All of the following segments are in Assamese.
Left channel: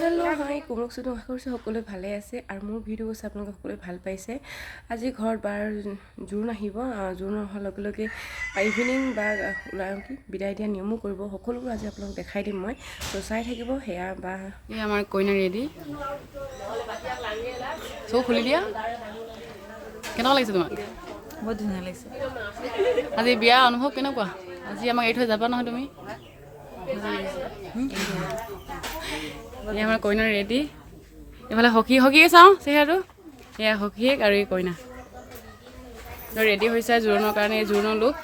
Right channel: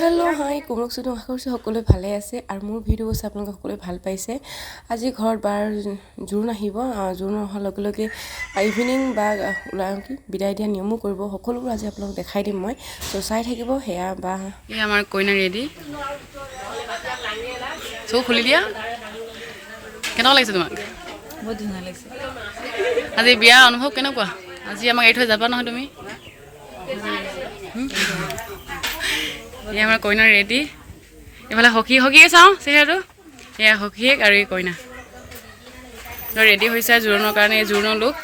হেল্ল' হাই কোমলক চুটো আশা কৰিছোঁ সকলোৱে ভালে আছে আৰু মোৰ ভিডিঅ' চাই আপোনালোকে সকলোৱে ভাল পাইছে। আজি ঘৰত বাৰ জোৰোণ আহিব, জোৰোণ অহাৰ লগে লগে ইভিনিং বা ওলাই বিদায় দিয়া নিয়মো কৰিব, সকলোবোৰ আজি আপোনালোকক দেখাই দিম মই। ত' চাই থাকিব। সেয়া বা এই আমাৰ কইনা ৰেডি, চব খুলি দিয়া। কেনেকুৱা লাগিছে তোমাক? বহুত ধুনীয়া লাগিছে। আজি বিয়া অনুভৱ কেনেকুৱা? আজি আমাক এৰি থৈ যাবা নহয় তুমি? এয়া আমাৰ কইনা ৰেডি, এইফালে সখীয়ে চাওঁ চেহেৰাটো, এয়া সখীয়েক আৰু এই কইনা ৰেডি হৈছে জোৰোণৰ কাৰণে। এই জোৰোণৰ লুক।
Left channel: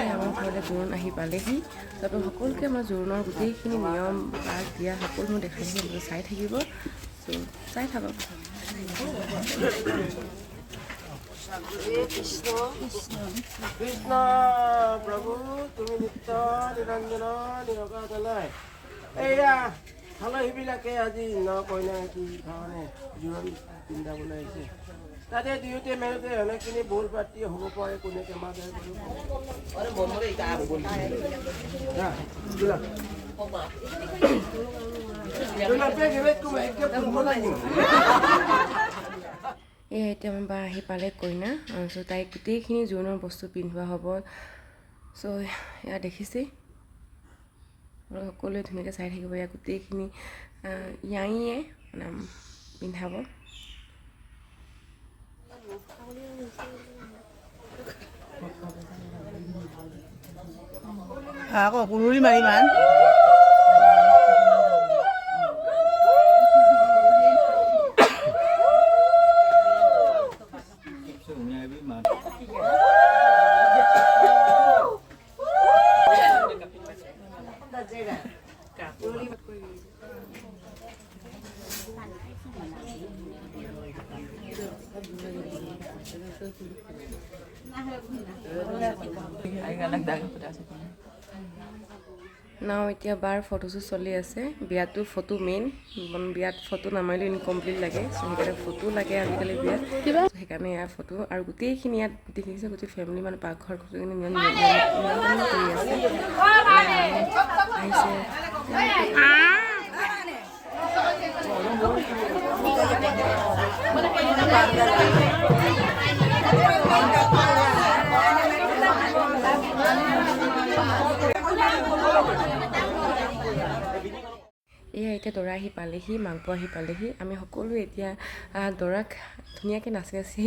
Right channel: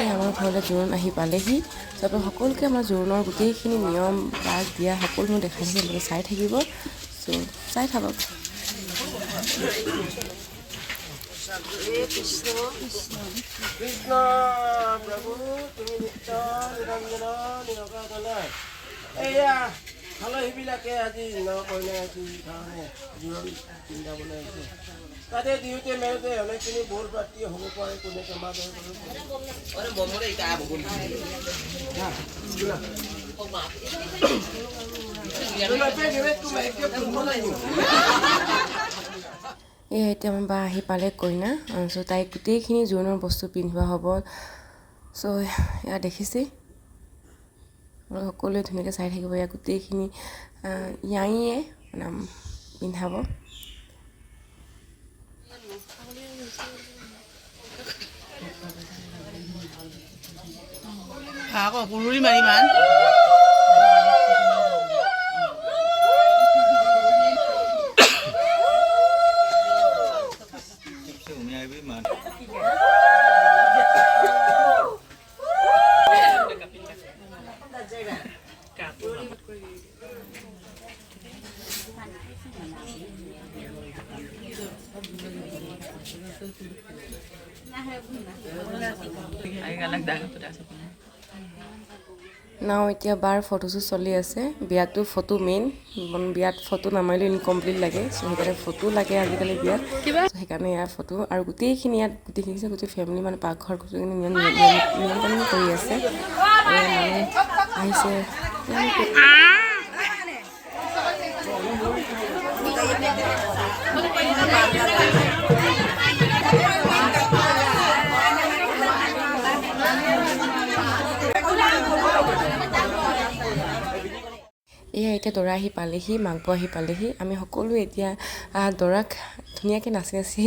এই আমাৰ ঘৰলৈ জোৰোণ আহি পালেহি। তাৰপৰা সকলোকে আমাৰ জোৰোণৰ গোটেইখিনি নিয়ম বাক দিয়া সকলো মই দেখাই থাকিব, আপোনালোকে চাই থাকিব। চ' চাই থাকক। কৃষ্ণ কৃষ্ণ প্ৰভু তুমি নিত্য নিৰঞ্জন নিৰকাজনা। এয়া আলহীবিলাকে আজি কইনা কাৰণে জোৰোণ পিন্ধাবলৈ আহিছে। তাতে দিওঁতে মেলোতে অনেকখিনি বৰ পাতি হ'ব পাৰে, কোনে কেমাৰ এয়া এতিয়া আমাৰ বা আহি পালে কইনা। চ' তাইক গোটেইখিনি জোৰোণৰ বস্তু পিন্ধোৱা হ'ব। চ' এয়া দেখিছেই, সকলোৱে ধুনীয়াকৈ চাই থাকিব। এয়া গোটেইখিনি ইয়াঙিয়ে মানে পিন্ধাব। আকৌ কুৰুৰি মাৰি মান নাও এতিয়া বাৰ ফটোশ্বুট চলি আছে। বিয়াতো ফটো মেইন, বিয়াত ফটো নামাৰিলেও ইনকমপ্লিট লাগে। চ' সেইকাৰণে ফটো লাগে আজিকালি বিয়াত। সেইকাৰণে ইয়াৰ ফটো আৰু গোটেইখিনি ইয়াত গোটেই ফেমিলি মানে পাকঘৰ গোটেইখিনি নিয়ন্ত্ৰণ কৰি আছে। আহিছে এয়া এতিয়া দৰা আহি পালেহি, মাংস আহি পালেহি। আমি সকলোৱে এতিয়া দৰাক ধুনীয়াকৈ নাচি নাচি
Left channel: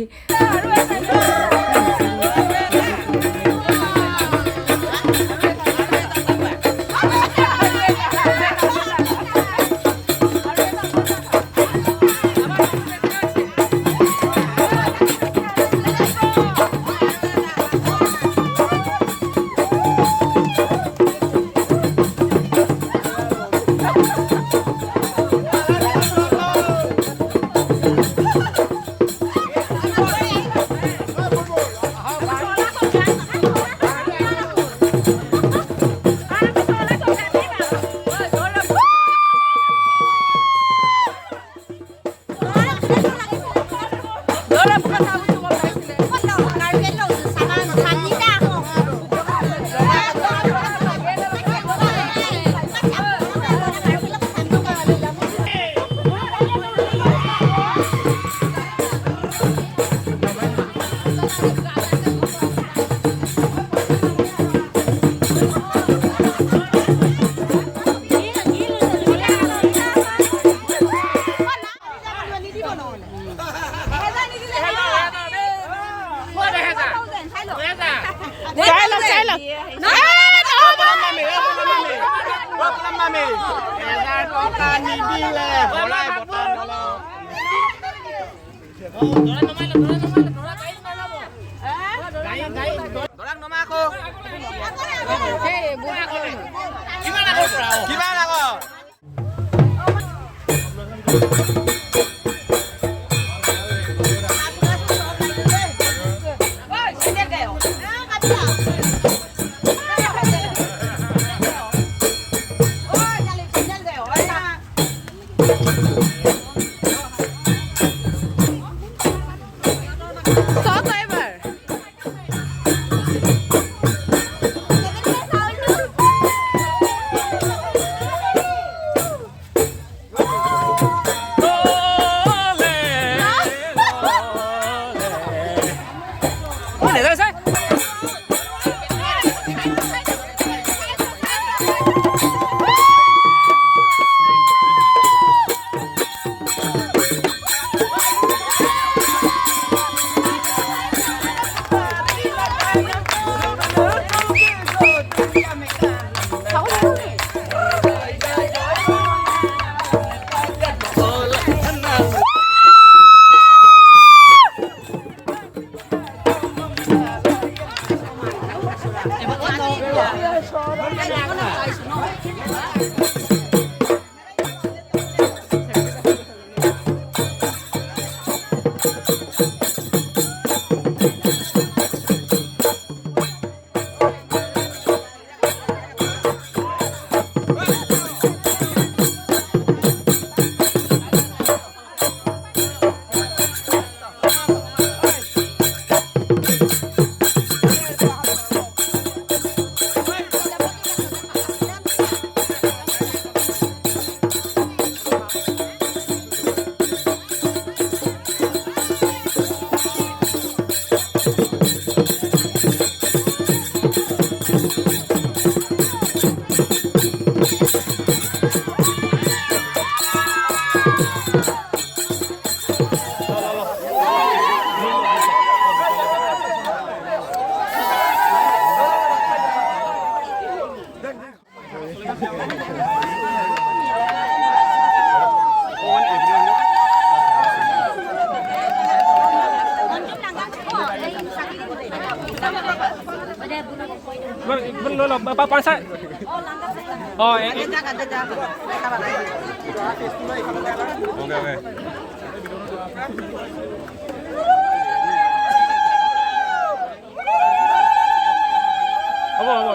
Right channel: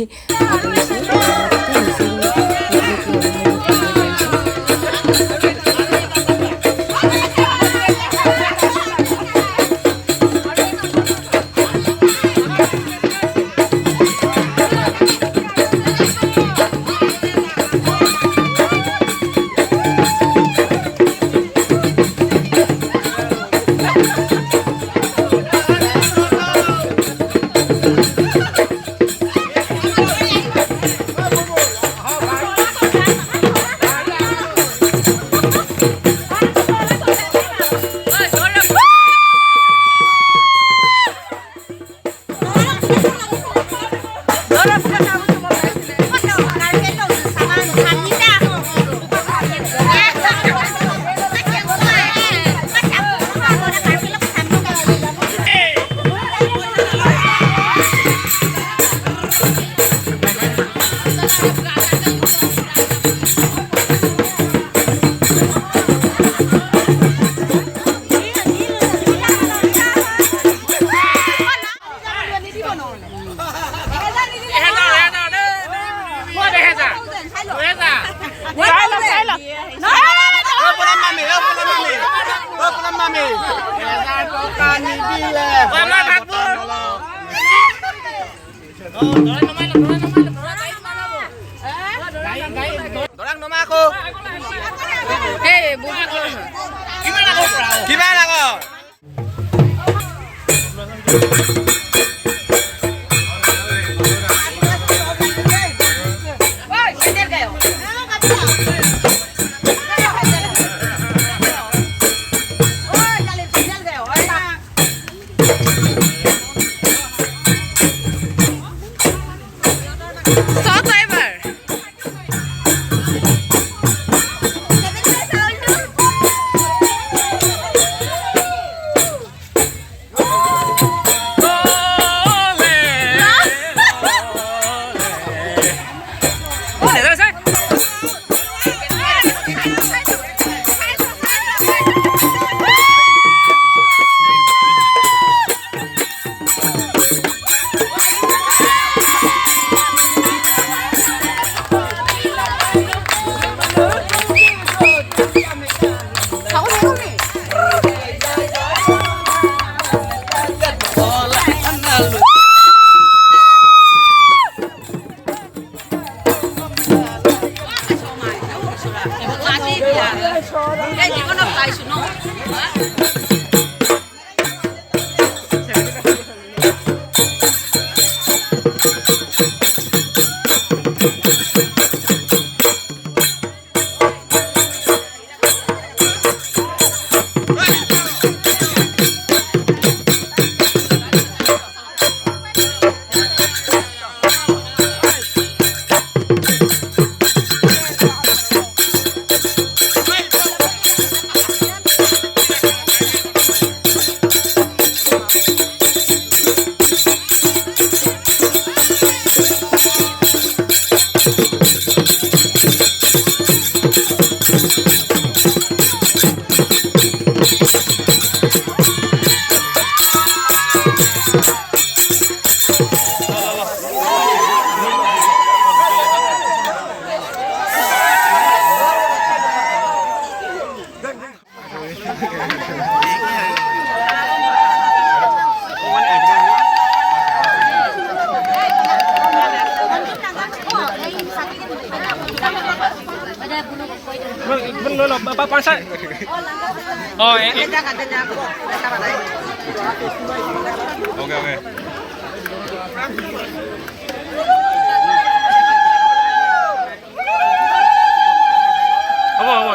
Mình lôi là bao con sai. Em. Ok.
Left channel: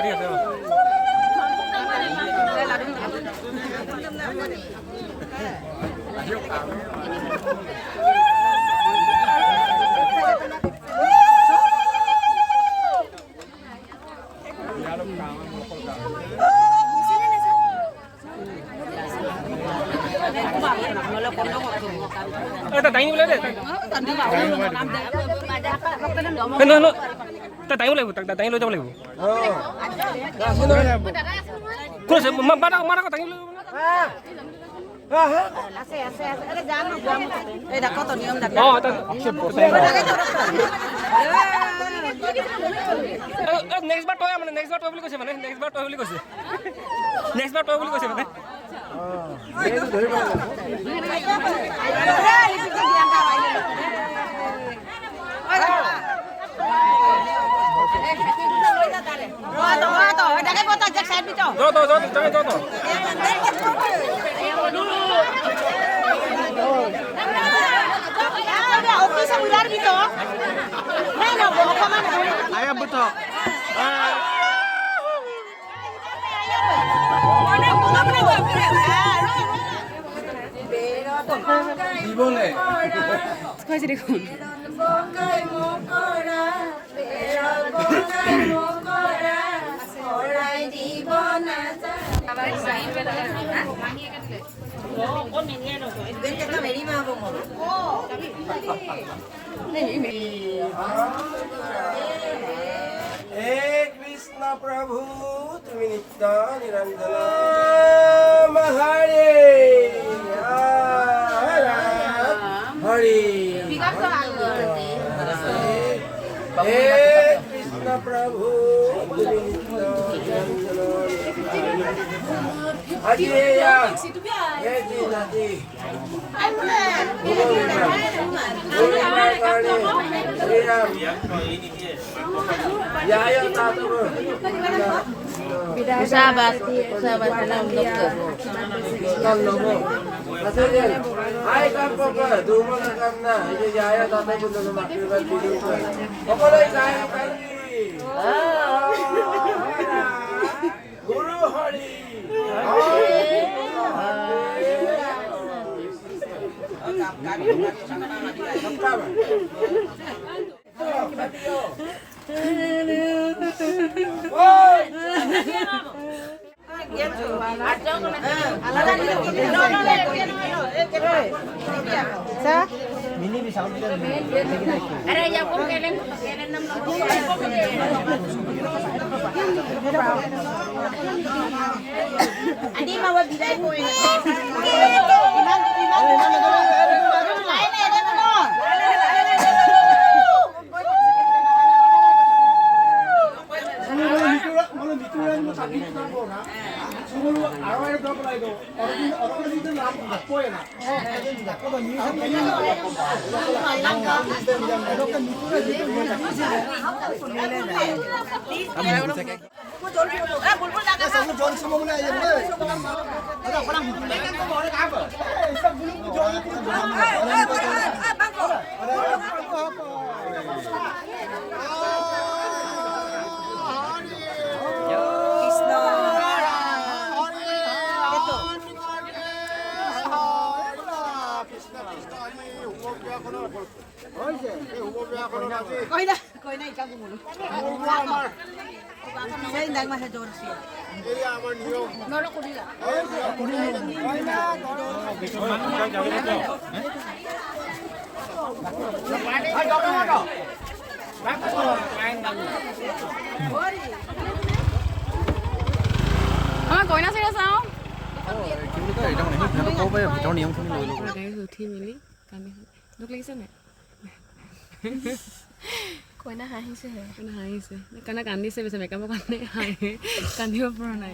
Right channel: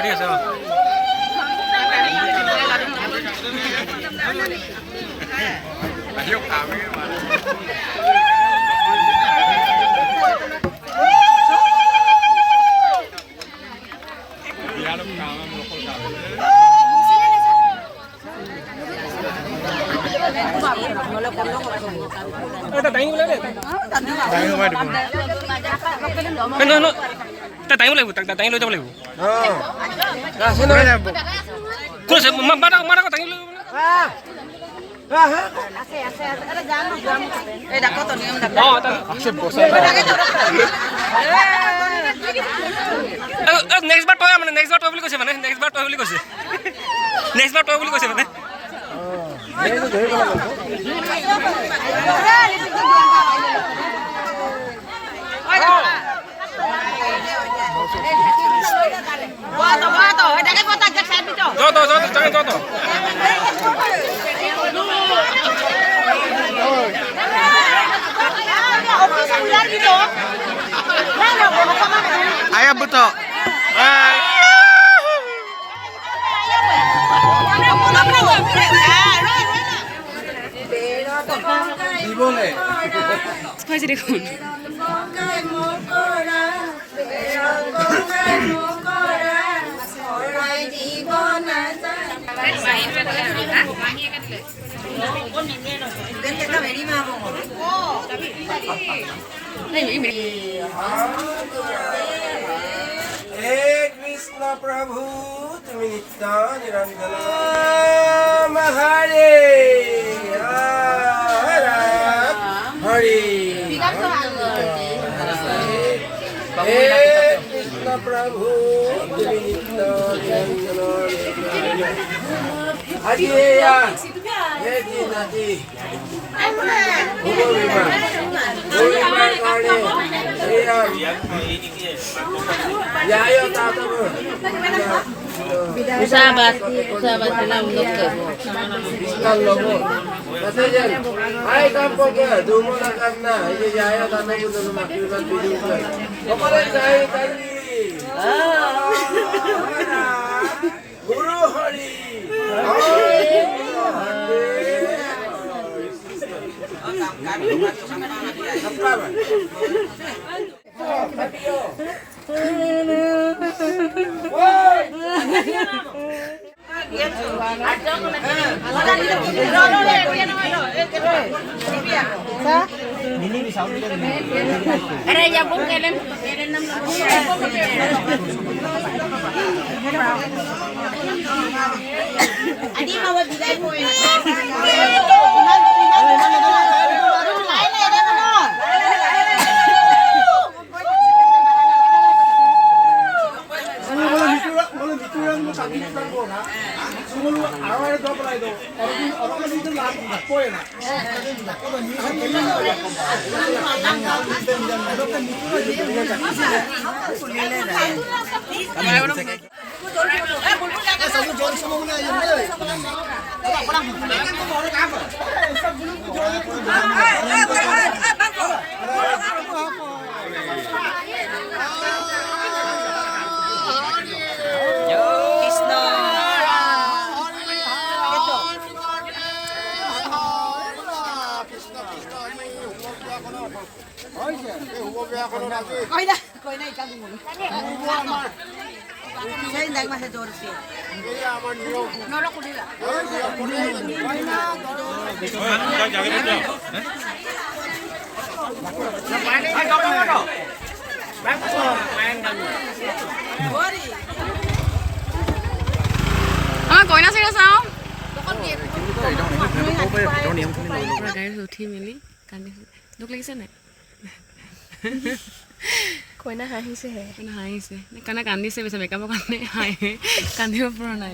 Đi xem. Đánh lên đấy. Đánh không phải được. Cái nó ta đánh lên, ta đánh lên cho lên. Cô sẽ mà có đánh lên. Đây đã có tổ niệm đặt. Next bar toy মানে next bar toy বুলি কৈছে মানে next bar toy বুলি কৈছে next bar toy বুলি কৈছে মানে Jo. Ayah betul. 스파이시 레콘. कृष्ण प्रभु तुम नित्य निरंजन हरे हरे हे कृष्ण प्रभु तुम नित्य निरंजन हरे हे जी नदी Usahabat dalam dokter. Hai kampung ko, dumo na karna. Ini jayo tata pun dalam makiwan video ko. Pokoknya jayo kali. Guru Hari. আমাৰ কইনা চিৰা চাওঁ গাড়ীত উঠি মেলি কান্দিছে দুখ লাগিছে নাই কইনা হাঁহিছেহে কইনা হাঁহিছে কাৰণে কান্দিছে বেছি মেকআপৰ কাৰণে হাঁহি কান্দিব পৰা নাই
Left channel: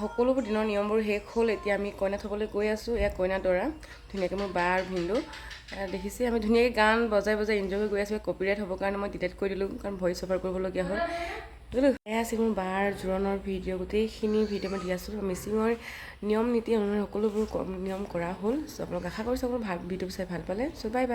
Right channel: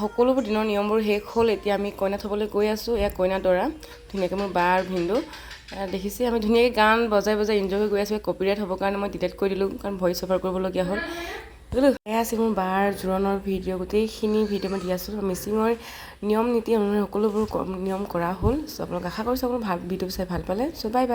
সকলোবোৰ দিনৰ নিয়মবোৰ শেষ হ'ল এতিয়া আমি কইনা থ'বলৈ গৈ আছোঁ এয়া কইনা দৰা ধুনীয়াকৈ মোৰ বা আৰু ভিনদেউ দেখিছে আমি ধুনীয়াকৈ গান বজাই বজাই এনজয় কৰি গৈ আছোঁ কপিৰাইট হ'বৰ কাৰণে মই ডিলিট কৰি দিলোঁ কাৰণ ভইচ অভাৰ কৰিবলগীয়া হ'ল এয়া আছিল মোৰ বাৰ জোৰোণৰ ভিডিঅ' গোটেইখিনি ভিডিঅ' মই দি আছোঁ মিচিঙৰ নিয়ম নীতি অনুসৰি সকলোবোৰ নিয়ম কৰা হ'ল চ' আপোনালোক আশা কৰিছোঁ আপোনালোক ভিডিঅ' চাই ভাল পালে চ' বাই বাই